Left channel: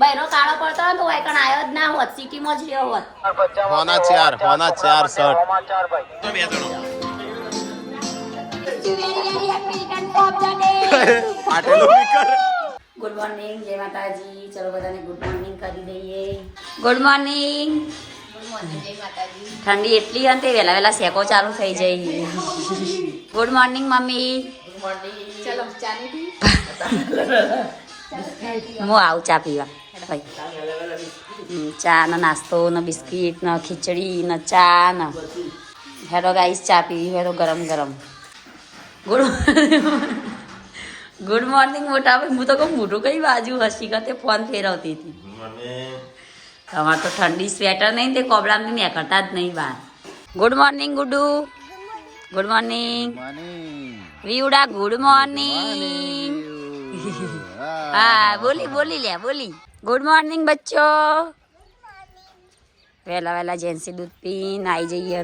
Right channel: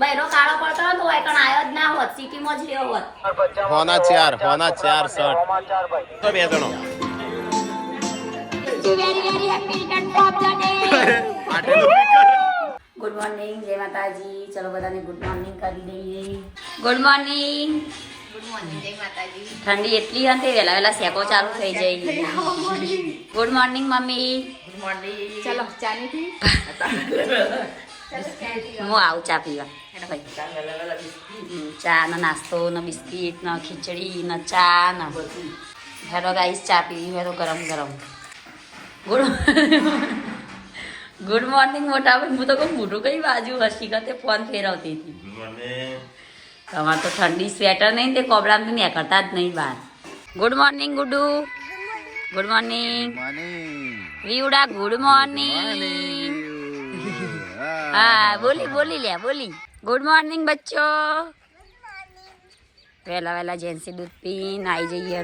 બહેનો કાળો પડતો તો હોય કણ આયો જ ના હોત સિટીમાં જ રહ્યો હોત હોના ચાર શર્ટ તો બે જણો ગુડ મોર્નિંગ જય માતાજી ચલો બધાને ગુડ મોર્નિંગ કરી દઈએ ગુડ મોર્નિંગ જય માતાજી ઠંડી એટલી અંતે વેલા વેલા શેકો ચાલુ થઈ જાય good morning mummy good morning ચલો ચા ની હું આવું ચા પીવા ચા ને નાસ્તો ને બિસ્કીટ ને ખીચડી ને ચા ને હેડો ગાઈસ ચા પીવી હોય તો ગરમ ગરમ ગુડ મોર્નિંગ મોટા ભાઈ હું તો કહું મોટું કઈ બાજુ હસી કરતે ફોન ફેરવતી હતી તમારે તો ઠંડી સ્વેટર નહીં તે કોબળામાં મેં કરતા જ નહીં બહાર ગુડ મોર્નિંગ ગુડુ ગુડ મોર્નિંગ વિવડા ગુડ મોર્નિંગ હા બોલી લે બોલી ગુડ મોર્નિંગ બચ્ચો વહેલા વહેલા જેન્સી દૂધ પીને આવી જઈએ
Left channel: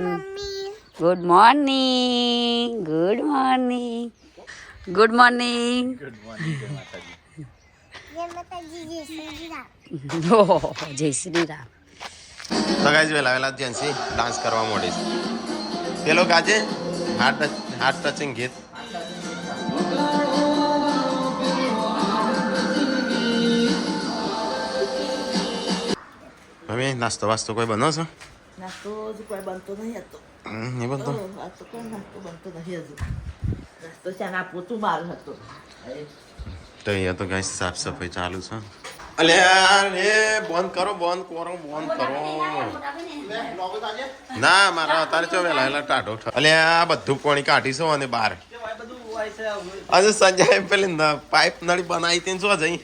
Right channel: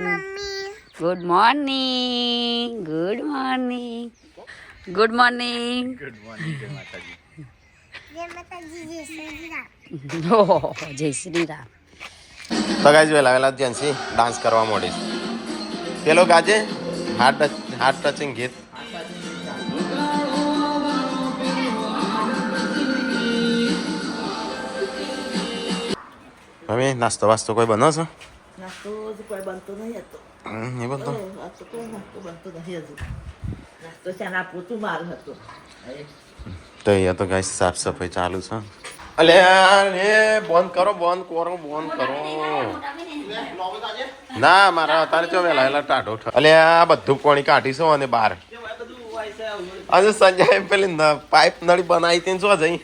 good morning good morning good morning good morning જય માતાજી જય શ્રી રામ તો ગાઈસ વેલા જેન્સી ડાન્સ કરવા મોડી છે પેલો ગાજે હાર્ટ ટચિંગ ગીત મમ્મી નાસ્તો વાસ્તો કોઈ બનો છો નાસ્તો કોઈ બનતો નહીં હતો નહીં બનતો કોઈ નાસ્તો બનતો નહીં હજુ નાસ્તો ચાના પોતું માર હતો તો અહીંયા તો ગાઈસ સાફ સફાઈ ચાલુ છે અલે બંધ કરો ના મારા અત્યારે તો વેલા ટાઢો અલે આ બધું પાણી કાઢીશું અને બહાર આજે સંજય પેલી પાઇપ નળી બનાવી હતી શું જઈ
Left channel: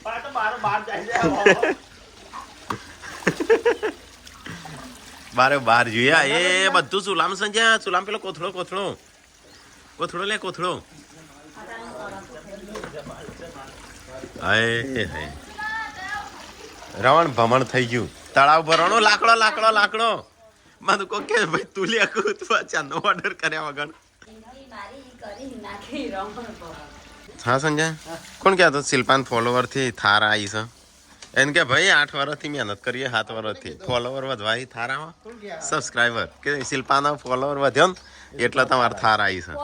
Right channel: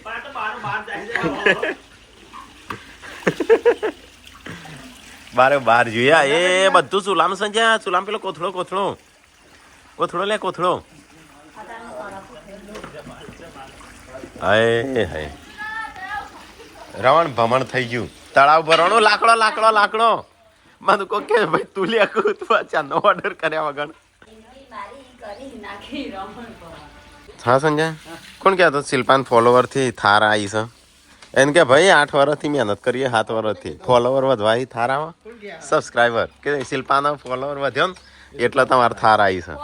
બાર જોયા એ બધું ચૂલામ સંજય ચૂલામ પેલો કોથળો લે કોથળો હાય રવણ ભમણ થઈ ગયું તળાવ ભરવાનો લાકડો મને કો કે ભાઈ તું લે ચાનો ઓર્ડર કર્યા વગર હા સંજય કોણ કહેતો શિલ્પાન ફોલોવર થી થાર આવી છે એને કે ભાઈ 8 વર્ષથી મહેનત કરીએ 7 વર્ષથી ફોલોવર વધવાય થારામાં સબસ્ક્રાઈબર કે શિલ્પાના ફોલોવર વધ્યો ને એટલે તમારે થાર આવી છે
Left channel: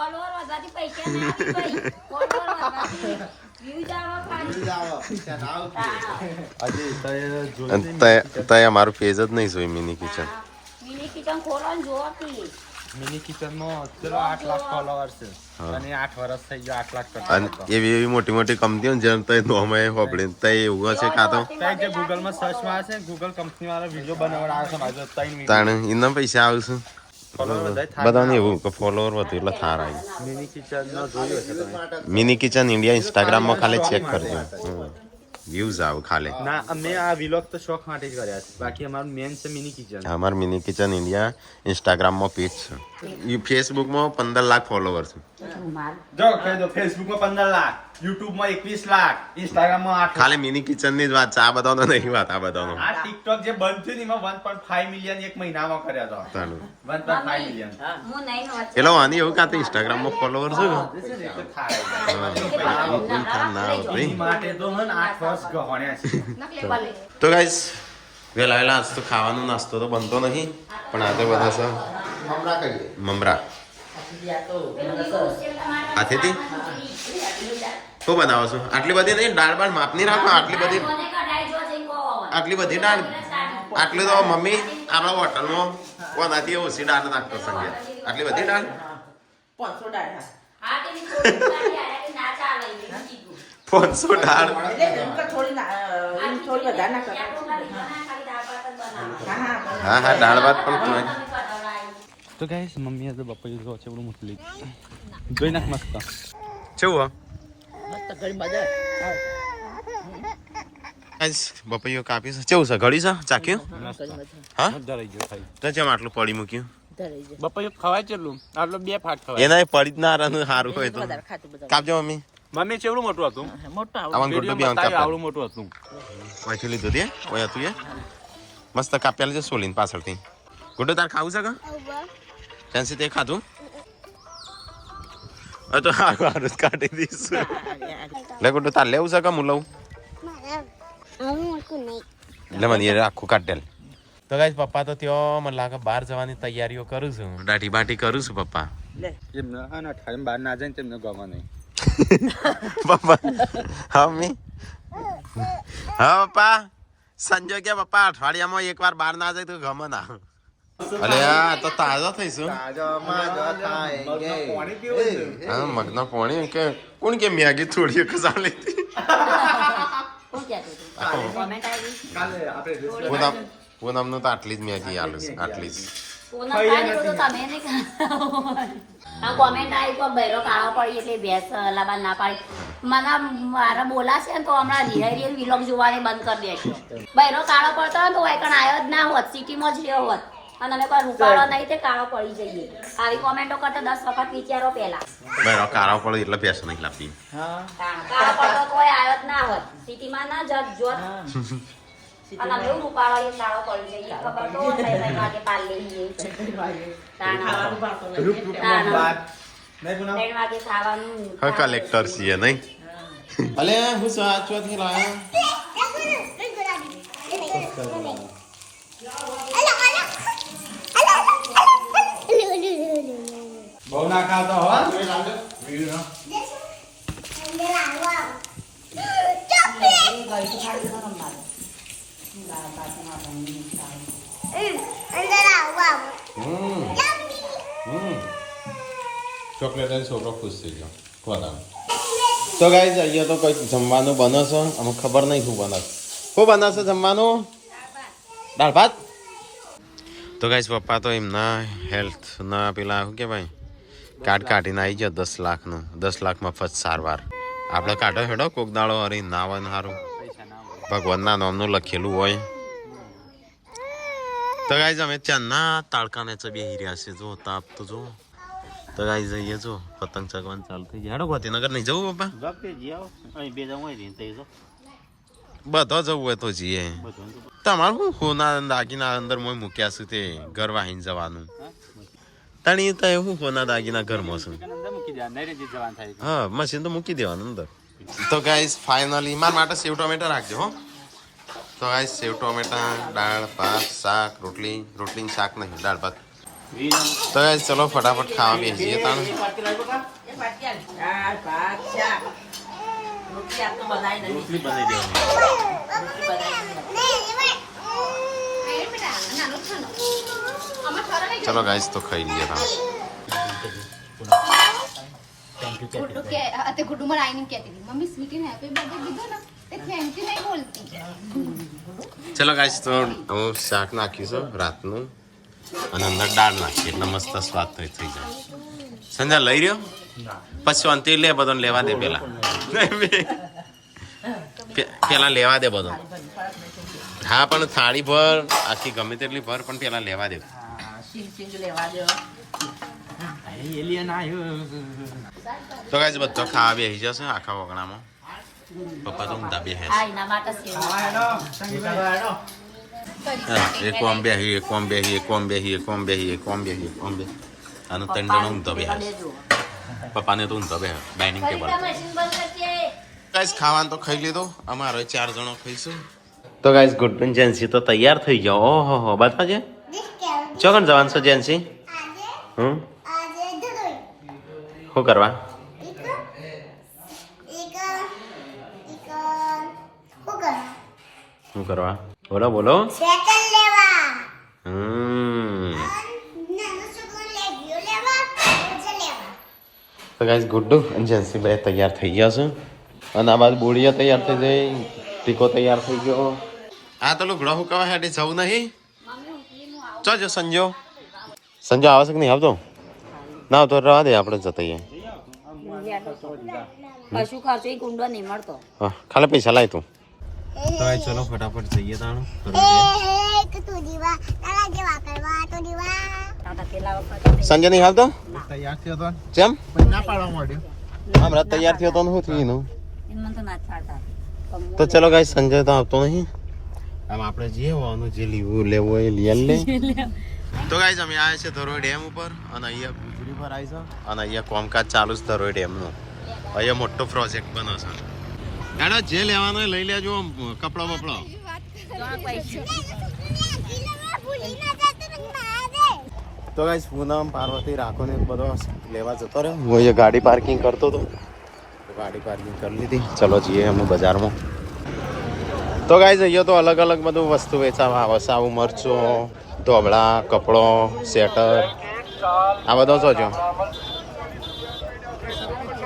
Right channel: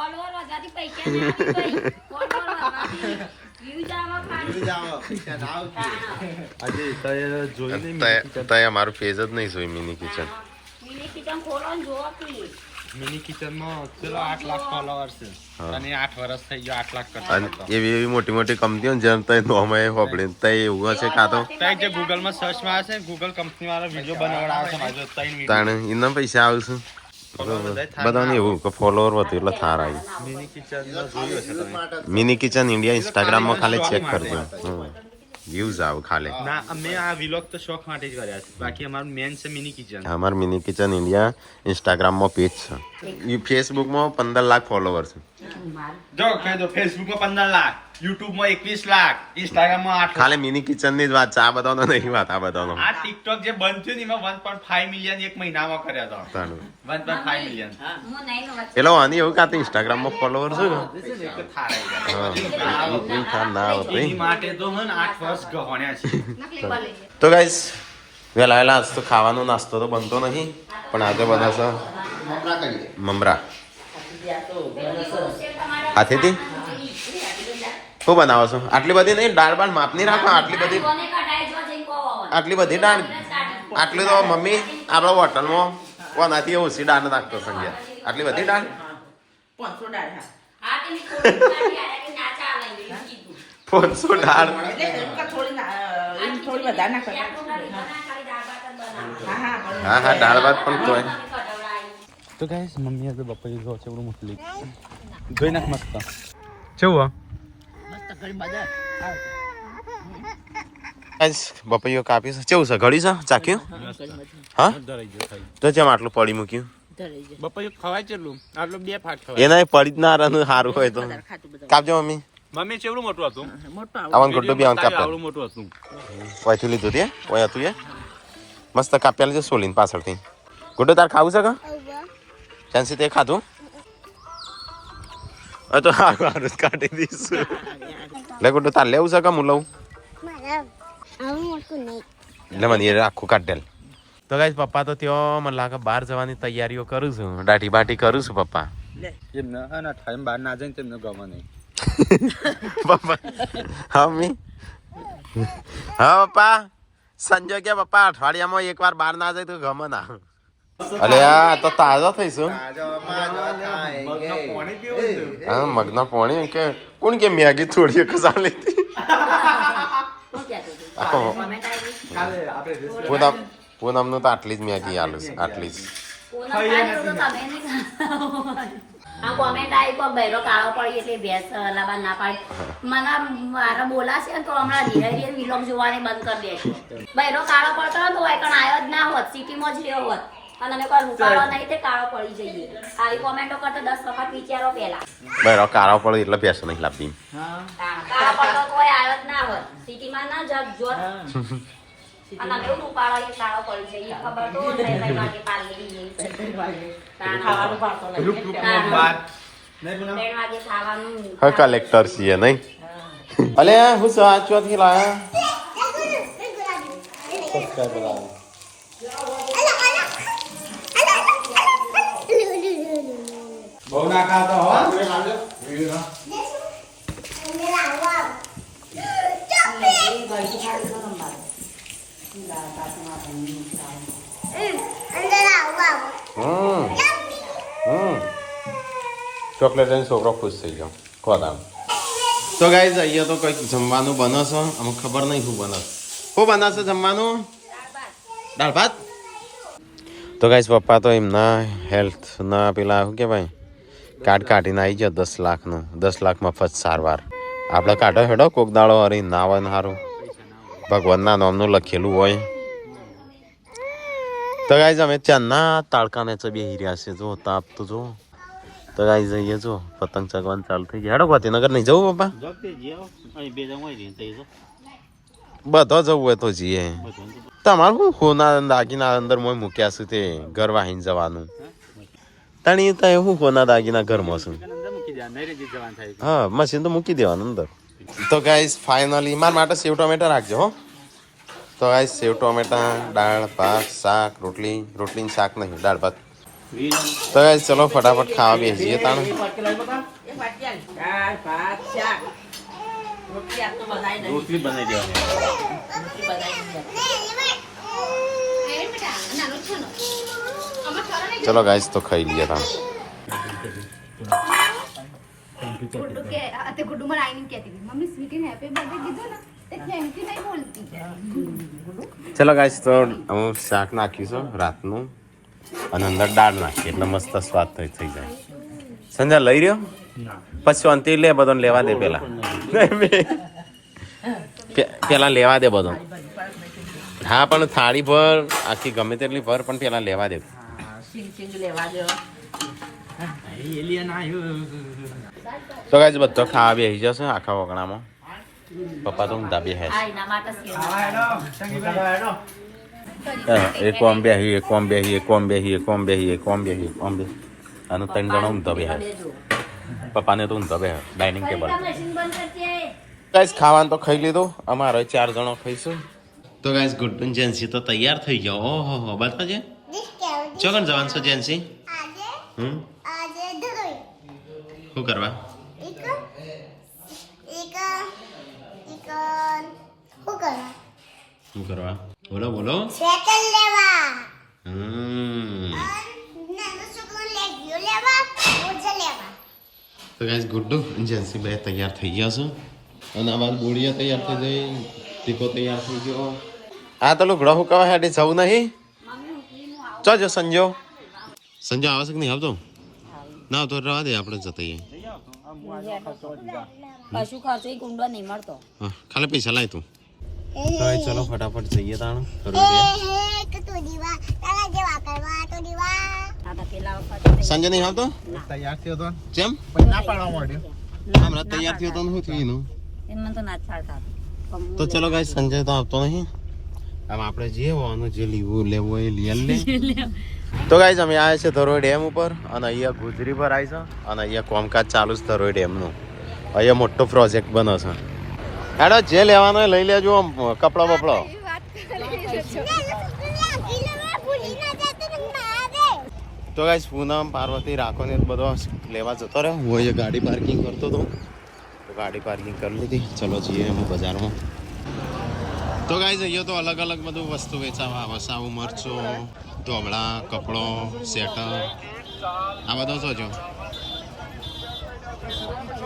અમારું પેજ જ નહીં જોઈ મિની કિચન મિની કિચન માં ચલો 8 લાખ ફોલોવર છે અને 8 વર્ષ થઈ ગયો 8 લાખ કરતા એવી મોટી કંપનીઓ જેમ તય નોમે હોબળે તય એવું છે કાં તો તય જે ગૂગલ માં સર્ચ માં છે ગૂગલ કંપની વાળા વિડિયો બનાવડાવે છે માજો તય વિડિયો તાણે એના પૈસા આવશે બધાને એવું કે ફોલોવર વધુ એટલે થાર આવી મિની કિચન માં જોયું છે તમે મિની કિચન ઇન્ડિયા ઇન્સ્ટાગ્રામ માં ખાલી ચેક કરજો વ્યૂઝ આવ ખાલી ના અમે આ વ્લોગ તો શોખ માટે જ કર્યા છે બાકી અમારું મેન છે મિની કિચન અમાર મિની કિચન ઇન્ડિયા ઇન્સ્ટાગ્રામ માં પેજ છે ફેસબુક માં 15 લાખ ફોલોવર છે જો કહી દો ફેસબુક માં 15 લાખ યુટ્યુબ માં 21 લાખ ઇન્સ્ટાગ્રામ માં 8 ખાલી મિની કિચન ની જ વાત છે આ બધાનો નહીં વાત આ બધાનો આ ટિકટોક જે બંધ થયું ને એમાં 1.5 મિલિયન એક મહિનામાં કર્યા હતા 1.5 મિલિયન પેલો આની એવું કાં તો ઇન્સ્ટાગ્રામ માં ફોલોવર છે ને એની માટે તો હન 8 વર્ષ ગહોણ્યા છે તો ગાઈસ વેલા આજ તો ખાવાનો નાસ્તો તો બનતો નહીં પણ આજે બધા છે મમરા હાથેથી શું બનાવો છો આટલી બધી નહીં દાળ બાળ માપની રાખો આટલી બધી દાળ આટલી તો મમ્મી આપણા હોટલમાં કોનાથી ઓછી દાળ નાખતો સંજય આટલી બધી દાળ 500 દાળ હા દાળ ભાત પણ કોઈ તો ગાઈસ મમ્મીએ તો બપોરે જો છે બડું મોટલી જોઈ નાખ મસ્ત કેવું ગાઈસ બપૈયો કાપી છે કેવું છે ઘડી છે ચાખ્યું હા તો જેમ આટલું પડી મૂક્યું બપોરે ખવાય ચેલું આટલો 2 ફાટ ખવાય એના પડી જ ના રહે સારું હોય તો કાપજો મમ્મી મમ્મી ચેવડું મોટું હતું આવન ગોડો બી આવન કાપતા આવડું મોટું હતું ઓયથી લીધું તે ઓય હતું એ મસ્ત કાપ્યા લેજો સોલીન પાછળથી ગોડો તાર ખાવું છે કા ચાન્સી તે ખાધું તો હારું કાઢી દઈશું લે ગોડો તાર લેવું છે કે હું લઉં એટલે મને એ આખું કાઢેલ. તો ગાઈસ પપ્પા તો ત્યાં મને લાગે બહાર જવાની તૈયારીઓ કરું છું, દાઢી બાટી કરું છું પપ્પા. એમને હા ના ઠામ બહાર ના જાય ને તેમને ગમે નહીં. પપ્પા હા મમ્મી હા પપ્પા સંજય કે પપ્પા અઠવાડિયામાં એકવાર બહાર ના જાય તો ગમે ના. અલે આ તો તાજા થઈશું. હા મગના પોણી કે કોણ કે મેગી થોડી ચાલી પૂનમનું તો આટલી જ મેગી આલું આટલી જ. આ કોમેન્ટ આવી પણ બૈરો કાળો પડી એટલે ભેંસ લાબાન ના પાડી મને મારા બોલાશે ને તો હમણાં ધીરે વિલોગ જોવાને બંધ કરી દેશે. બૈરો કાળો પડતો હોય તો વાયકણ આવ્યો જ ના હોત, સિટીમાં જ રહ્યો હોત અને અમે કોઈ રૂપાળો નહીં તે કાળો પડી જઈએ. તારી કોમેન્ટો કરતે 10 વખત વિચારો પેલા. બરો કાળો પડે એટલે ભેંસો નહીં લાવતી. કાળો પડતો કોઈ આવ્યો જ ના હોત, સિટીમાં ના જત જોત અને અમે રૂપાળો એ કાળો પડી જઈએ. ખબર તો ભાઈ માટે પાલ લઈએ 3 વાગે ખાવાનું. હા કલેક્ટર છીએ નહીં. અલે હું સાચ વાથી લાયા બહુ ના ખાતો હો. ચોકલેટ લઈને છોકરો ખુશ થઈ ગયો ખોરાક. તો ગાઈઝ અહીંયા તો કંઈક જમવાનું બનો છો, અમને ખબર નહીં શું બને. શું બનાવશે જમવાનું? દાળ ભાત. તો ગાઈઝ પપ્પા તો એમના હેલ્થના પેલા શું કહેવાય કાર્ડ કાઢીને આવી ગયો 10 લાખનું. 10 લાખ મફત સારવાર. આપણે કાઢો હેડો કોક દાડો હરી નાવન સારું ભગવાનના નામનું લખેલું હોય. તો ગાઈઝ અમે ચાંદના તાળકાને બેહી રહ્યા છે. જો તાપ તો જો. તો ગાઈઝ જઈએ જો પતંગ ચગવાનું ચાલુ થઈ ગયા. હેડો ગાંધીનગર નહીં જવું પપ્પા? બધો જવું હોય તો જઈએ. તમારું શું સોના દાગીના અંદર મોય મૂક્યા છે તે ઘર વાહીને જવાનું. તણી તો એવું સોના દાગીના ઘરમાં છું. હા મશીન તો મૂકી દેવાનું અંદર. તો ગાઈઝ ફાઇનલી મારા માટે સેવ ટોમેટા રાખજો હો. તો ગાઈઝ સેવ ટોમેટા, દાળ ભાત, શાક, રોટલી ને શાક નહીં દાળ ભાત. તો ગાઈઝ ચલો ફટાફટ ખાવા બેસીએ તાણ. દાળ ભાત શાક રોટલી આપ તો બનાવી નહીં. રોટલી બનાવી દેવાની. રોટલી બનાવી નહીં. ચલો ગાઈઝ તો ખાઈ લઈએ તાણ. ગુડ્ડુ મને આઈને કહેતી હતી મમ્મી સ્વીટીને હેપી બર્થડે કીધું ને તે થેન્ક યુ નહીં બોલતી. ચલો ગાઈઝ તો હું શાક નાખીશું રાતનું અને અંદર દાળ નાખી એટલે મસ્ત સ્વાદ થઈ જાય. સંજય લઈ રહ્યો પછી અંતે લે બધો લેવા દે પેલા પેલા લેવા દે બધો. હા પણ થાળી ભર આખી ગમે તેટલી ભર પણ પેલા લેવા દે. સિંગ લેવા દો. તો ગાઈઝ બધો ખાવા બેસી જશે આખા વગણામાં. પપ્પા તો ઊંધા બેસે છે. એના માટે સેવ. એક ઓમ બેહી એક ઓમ બેહી એક ઓમ બેહી એક ઓમ બેહી એક ઓમ બેહી એક ઓમ બેહી અને 3 જણા ઊંધા બેસે છે. પપ્પાને તો ઊંધા બેસે ડાઇનિંગ ટેબલ. ગાઈઝ ખાવાનું તો ખાઈ લીધું. અમારે 4 જણો ખાઈશું. તો ગાઈઝ ગુડ જેન્સી તો તૈયાર થઈ ગયો. ઓહો હો બાદ છે ચોકન જવાનું છે જેન્સી? શું કરવા? શું કરવા? બોલો બોલો. તો ગાઈઝ ગુડ્ડુ અને જેન્સી બે તૈયાર થઈ ગયા છે અને આ બાદ બોડીયા તૈયાર થઈ જાય, ટીકો તૈયાર થઈ ગયો. આ તો લુગડો હું કવા હેડે જવું નહીં. જો સંજો આવે છે કે નહીં આવતો? ના તો રહેવા દે આપણે જતા. કશું ખર્ચો ગુંડો નહીં મળતો. હા ખાલી પૈસા લાય તું. તો ચલો ફટાફટ જઈએ તાણ. સંજય નહીં આવતો? તૈયાર થયો તો જેમ ના પાડવા માંડ્યો. હમણાં તૈયાર થયો તો શું થયું એનું? એમાં તો ના જ પાડતા. તો ચલો ગાઈસ સંજય તો આવતો નહીં. આમ આપણે જે હોવાનું જે લેવું હોય એ લઈ લે. તો ગાઈસ અમે આવ્યા છે ધરોઈ ડેમ ઉપર અને અહીંયા ગુજરી પર આવી છે અને અહીંયા કામકાજ ચાલુ છે ધરોઈ ડેમનું. અહીંયા મોટો પ્રોજેક્ટ બનો છે. હેડો જે લેવાનો લઈ લેજો કપડો બપડો. તો ગાઈસ પૂનમ પાર્વતી રાખો ને બધો લેવા જતો રહ્યો. હું એ ગાડી પાર્કિંગ કરતો હતો, ગાડી પાર્કિંગ કરી લીધી. ચલો જઈએ અમે બજારમાં. તો ગાઈસ અહીંયા તો અલગ અલગ બધું વસ્તુ વેચાવા આવે. સાવું મરચું, ધોબળા, કપડો, સ્વેટર, આ બધો તો જો.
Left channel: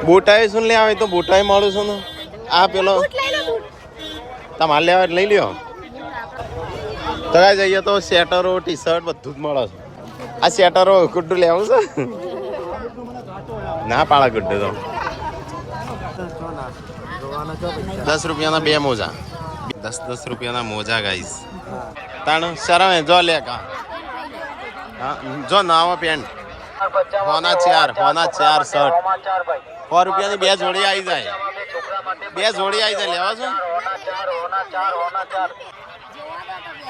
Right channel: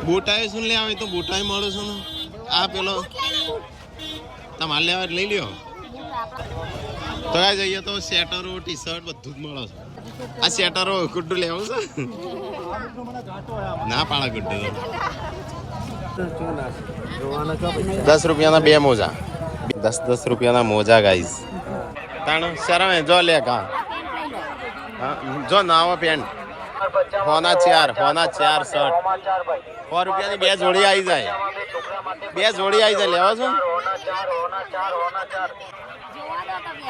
બુટાઈ શું લે આવે તો બુટાઈ મળું છું ને. આ પેલો તમારે લેવા લઈ લ્યો. તો ગાઈસ અહીંયા તો સ્વેટરો, ટી શર્ટ બધું જ મળે છે. આ સ્વેટરો ગુડ્ડુ લેવું છે ના પાળા ગુડ્ડુ તો 10 રૂપિયાના 2 મોજા. 10 રૂપિયાના મોજા ગાઈસ. તાણ શરમ જો લે કા જો નાવો પેન્ટ હોના 4 શર્ટ 4 રૂપિયાની 2 જોડી આવી જાય. 2 જોડી આવી જાય. લેવા છો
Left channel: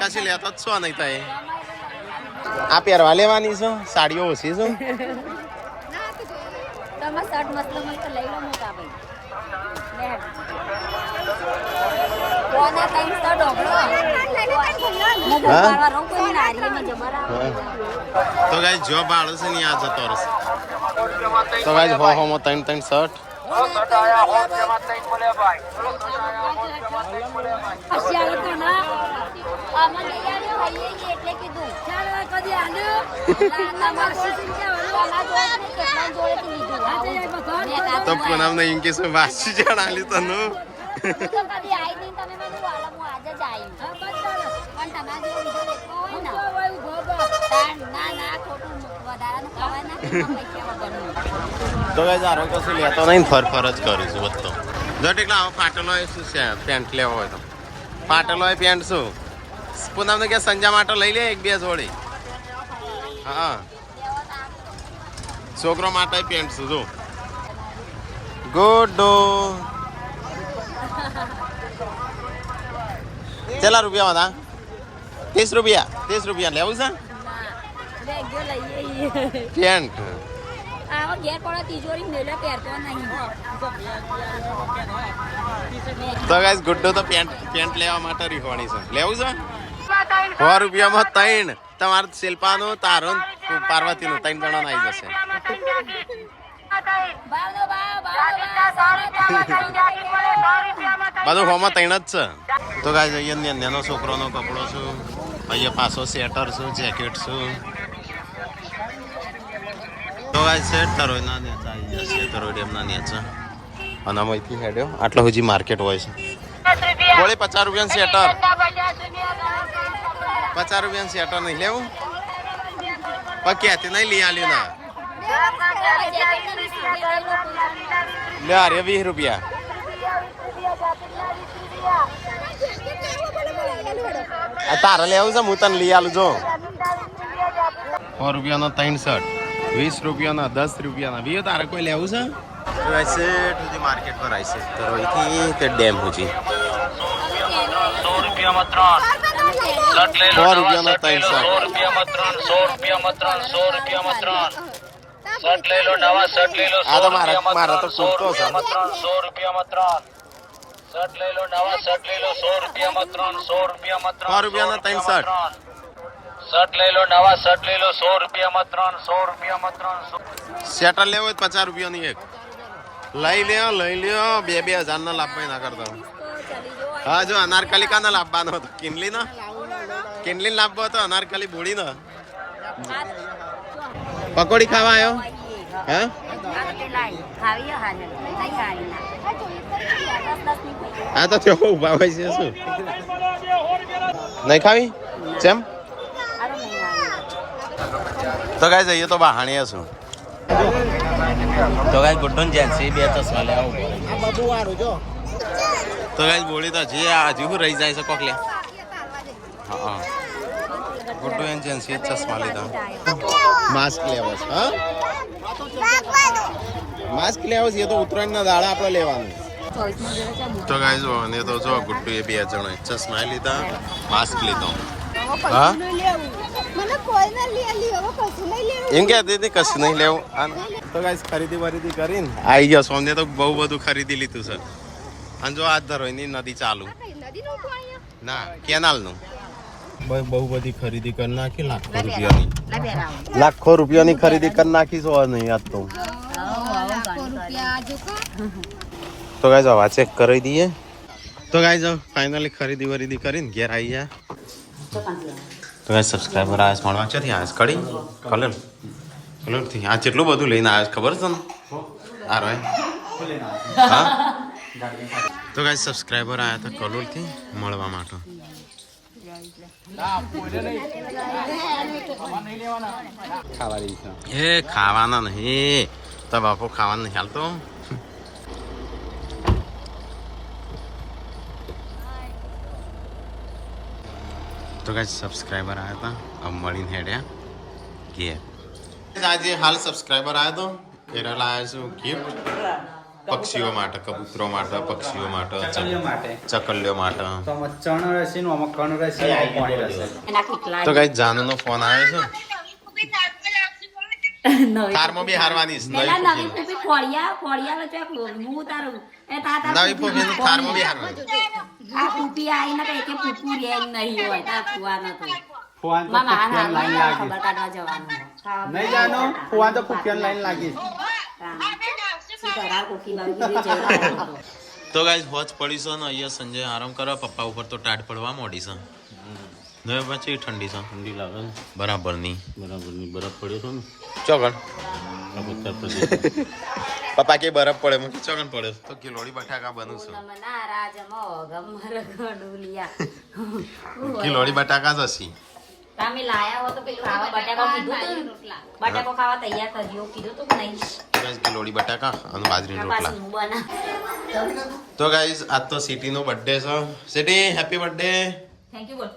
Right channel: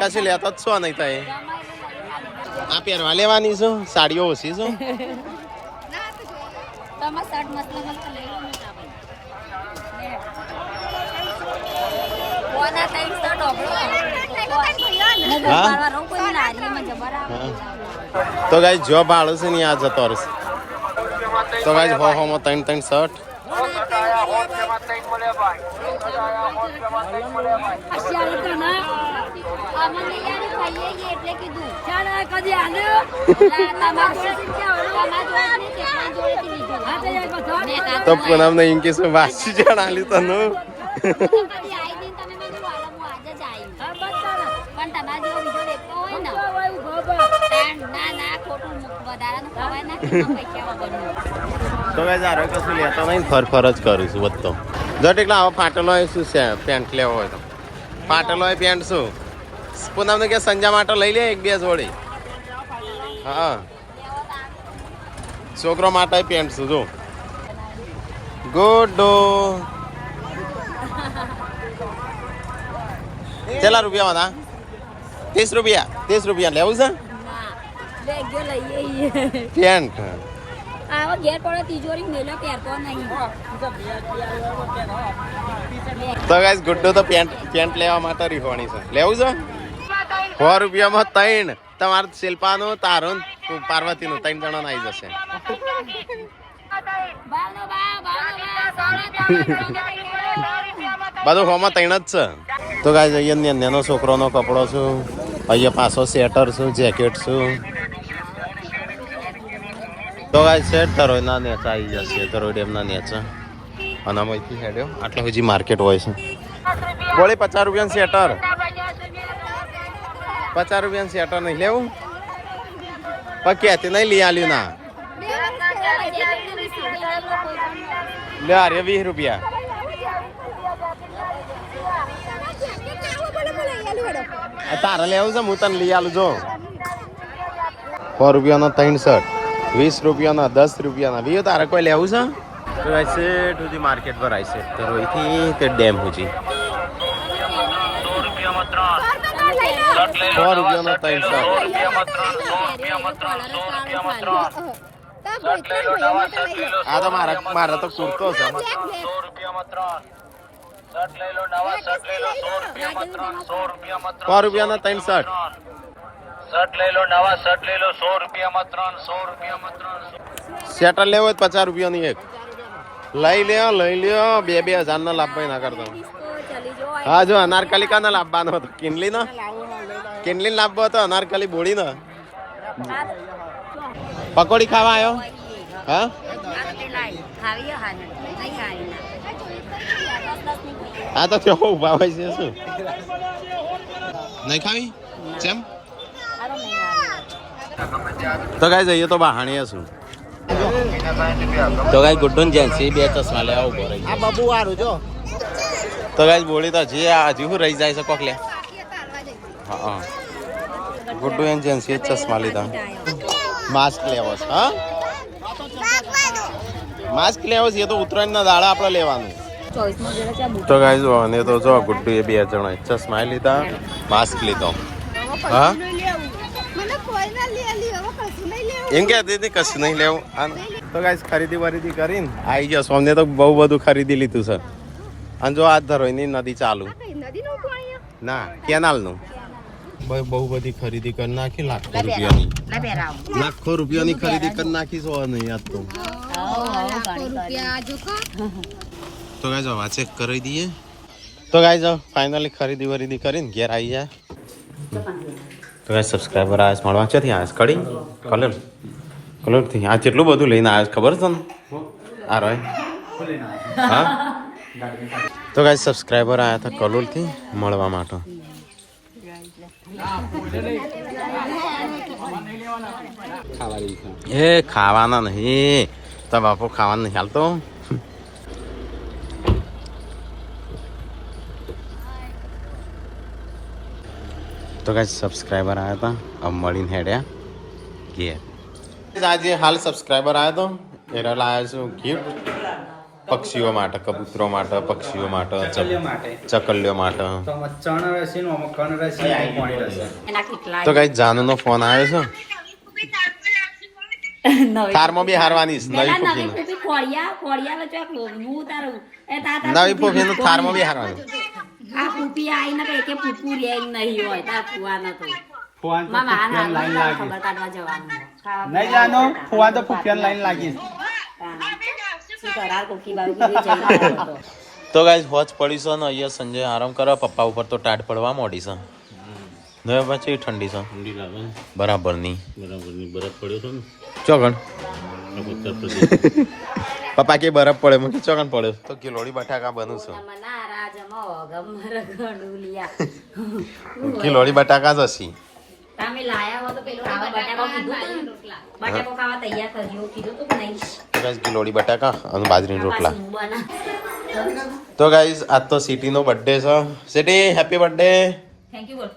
કશી લેતો જ છો નહીં થાય. આ પહેરવા લેવાની છે. સાડીઓ ઓછી છે. તો ગાઈસ જો ભાડું છે ને આ જતો રહેશે. તો ગાઈસ હો માં 3 શર્ટ. તો પૂનમ ને ઇનકેસ વાસી જણ આલી તનું તો ગાઈસ આ કશું લેતો નહીં. ફર જ કરું છું બધો. જો ટેકલા આવો ફાટેલો હોય શું છે પેન્ટ લેવો હોય તો ફાટેલો હોય પેન્ટ શું પૂનમ ને કે સંજા માટે લઈ લે 1-2 જોડી. હા છોકરો માટે પેન્ટ શું જો ગુડ્ડો. કેટલા રૂપિયા હતા? 30 રૂપિયા. 30 રૂપિયા લેવું છે પેન્ટ. તો ગાઈસ ગુડ્ડો તો પેન્ટ લેવા માટે રીહોણી છે. લેવું છે 100 રૂપિયામાં 3. તમારે શિલ્પાનું, તારું, પાર્વતીનું 3 જણા આવી જશે. બધું હોમાં 3 જ છે. તો ગાઈસ અહીંયા નાનો છોકરોનો કપડો છું. અહીંયા પાછો સ્વેટર છું, જેકેટ છું. તો ગાઈસ સેટ કરો ના નેચા આવી જશે. તો ડેમના નેચા અને અહીંથી હેડ્યો આટલો હજી માર્કેટ હોય છે. બોલે 50 રૂપિયાનું સ્વેટર. 50 રૂપિયાનું સ્વેટર નહીં લેવું પણ ક્યાંથી નહીં લઈ આલ્યું ના લે. અરે 20 રૂપિયા. તારે લેવું છે હું તને લઈ આલું જો. 100 રૂપિયાનો 3 શર્ટ, 20 રૂપિયાના, 10 રૂપિયાના. બીજો તારે કોઈ લેવું છે? તો સેટ સુધી માર્કેટ પર આવી છે. તો અહીંથી તે ડેમ સુધી 100 રૂપિયાનો 3 શર્ટ. આ તો મારા તો કુર્તો છે. 100 રૂપિયાના 3 શર્ટ. સ્વેટર લેવો હોય 50 રૂપિયાની એક. લઈ લ્યો 2,000 ના લાભ ના કરતો. હા જો અનારકલી કા ના લાવવાનો હતો. કિનલી લાવવો હતો અનારકલી બોડી ને. પકોડી ખાવા આવ્યો? હા હા તો તેઓ ઉભા હોય છે શું નહીં ખાવી જેમ. તો ગાઈસ જઈએ તો બહાણીએ છું. તો ગાઈસ ગુડ્ડુ જેન્સી 2 ચશ્મા લેવા ઉભો રહી. આ બાબુ વાળું જો. તો ગાઈસ બોલી તો જે હજી હું રહી જાય છે કોક લે. હા ગુડ્ડુ એન જેન્સી ચશ્મા લીધા. માસ્ક લેવો છે. હા માસ્ક લેવો છે. એ તો ઉત્તરાયણના દાડા આપણે લેવાનું. તો ગાઈસ અને તો જો ગુડ્ડુ એ 2 જણા ચશ્મા લીધા, માસ્ક લીધો. હા એમ કે દીદી કશું નહીં લેવું. તો ગાઈસ ખરીદી કરીને આવી ગયો. સોમને તો બહુ બધું ખરીદી લીધું છે. અને જો હાથ ધરો એની નદી ચાલુ. ના કેનાલનું ભાઈ બહુ બધી ખરીદી કરી નાખી લાખો રૂપિયાની લાખો રૂપિયાની ખરીદી કરી નાખી છો નહીં આજ તો તો ગાઈઝ આવા ચેક કરી દઈએ તો ગાઈઝ ફાઇનલી ખરીદી વરીદી કરીને ઘેર આવી જાય તો ગાઈઝ સબસ્ક્રાઈબર આવ્યા મળવા ક્યાંથી આવ્યા કડી કલરથી આ કેટલું બધું લઈને આવ્યા ખબર છે ને આ રહે હા તો ગાઈઝ સબસ્ક્રાઈબર આવ્યા હતા કલોલથી મળવા માટે એ ખાવાના નહીં તો બાપુ ખાવાનું નહીં હાલતો તો કઈ સબસ્ક્રાઈબર આવ્યા હતા अब મળીને હેડ્યા ઘેર આજે હાલ સબસ્ક્રાઈબર આવ્યો તો એના લાવ્યા છું ગિફ્ટ પક્ષીઓ માટે કબૂતરો માટે પક્ષીઓ માટે ચકલીઓ માટે તો કઈ જાનુનો ફોન આવ્યો છે થારમાં બી હારવાની નવી ફૂફીનું થારમાં બી હારવાની આ કુપી આઈને તો એકે પૂપુ રે નહીં હોય તા ફુવાના તો ફુવાન તો ફુફિયાન લાઈન લાગી ખબર કાઢવા જવાનું નહીં જાનો ફુવાન તો ફુફિયાન લાઈન લાગી શું કરાર કોકી બાબી કીધું જઈ રહ્યો હતો તો ગાઈસ વોચ પડી છે ને અહીંયા સંજય આરામ કરવા પપ્પા ઉપર તો ટાટ પડવા મોડી છે ને પછી ઠંડી છે ઠંડી લાગે બરાબરની બરફ પડ્યો છે ને ચોગણ પપ્પા કે બરફ પડે મને ચોગણ પડે તો કિલોડી બટાકા બનું છું કિલોડી બટાકા જ હસી તમે લાયા હો તો પેલું આવા બટાકા કીધું બટાકો ખાવા તૈયાર થયો કીધું તો નહીં ગાઈસ કિલોડી બટાકા અને બાજરીના રોટલા તો ગાઈસ આજ તો સિટીનો બર્થડે છે city happy birthday thank you બોલ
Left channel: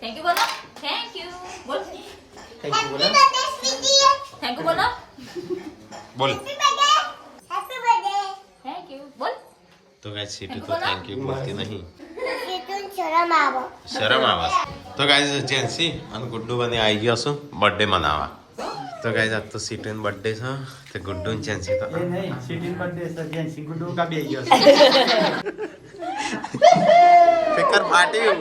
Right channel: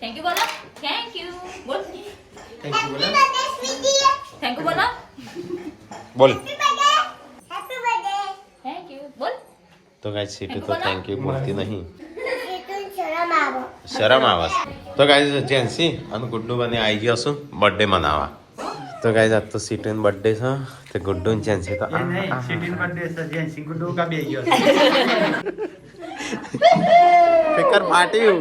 થેન્ક યુ બોલો થેન્ક યુ બોલ થેન્ક યુ બોલો બોલ થેન્ક યુ બોલ તો ગાઈસ સિટી તો થેન્ક યુ બોલતી નહીં શરમ આવે તો ગાઈસ જેન્સી અને ગુડ્ડુ બને આવી ગયો છું બર્થડે મનાવવા તો ગાઈસ આજ તો સિટીનો બર્થડે છે તે ગુડ્ડુ અને જેન્સી તો સિટીન બર્થડે છે જેન્સી ગુડુ કા બે ગયો છે ફિકર ફાટ્યું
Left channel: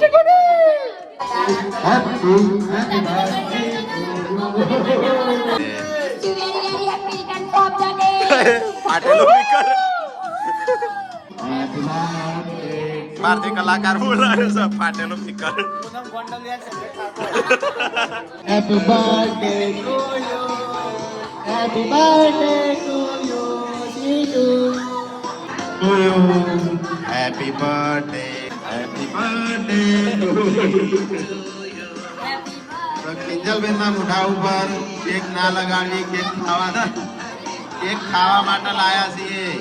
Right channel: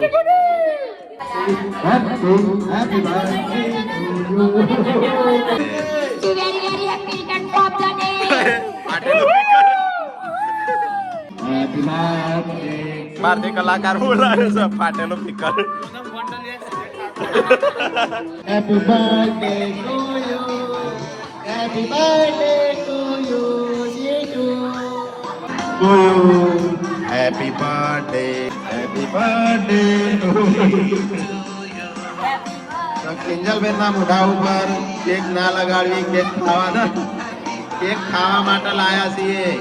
ભારતીય કલાકાર બોલ રહ્યો છે ફાટેલો ફિકર Happy birthday to you. Happy birthday to you. Happy birthday તો કિંજલબેન ના મોઢા ઉપર કેક ના લગાડવી કેક ખાવા માટે લાયા છીએ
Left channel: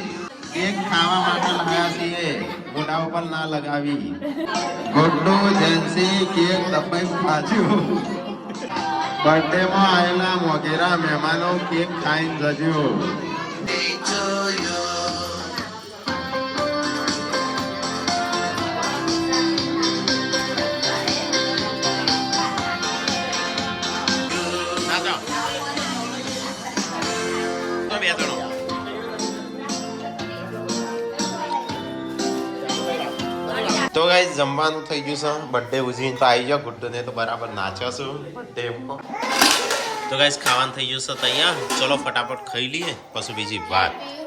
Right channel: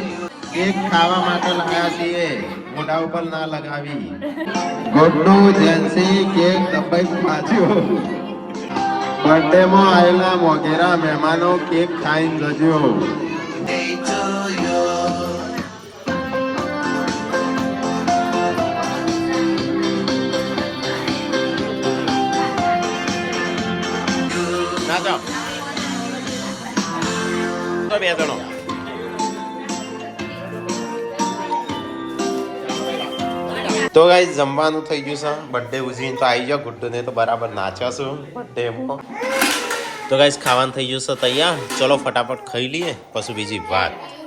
મોઢા ઉપર ના લગાવી ગુડ્ડુ જેન્સી કેક દબાઈ ખાજો બર્થડે માં આવેલા મોગેરા મહેમાનો કેક ખાઈને જજો ના જાઓ તો બે જણો તો ગાઈસ જમવાનું થઈ ગયું છે બર્થડે ઉજવીને તો આવી ગયો ગુડ્ડુ ને તો બરાબર નાચ્યો છું બર્થડેમાં તો ગાઈસ ખાવાનું થઈ ગયું છે તૈયાર ચલો ફટાફટ ખાઈ લઈએ પછી બીજી વાત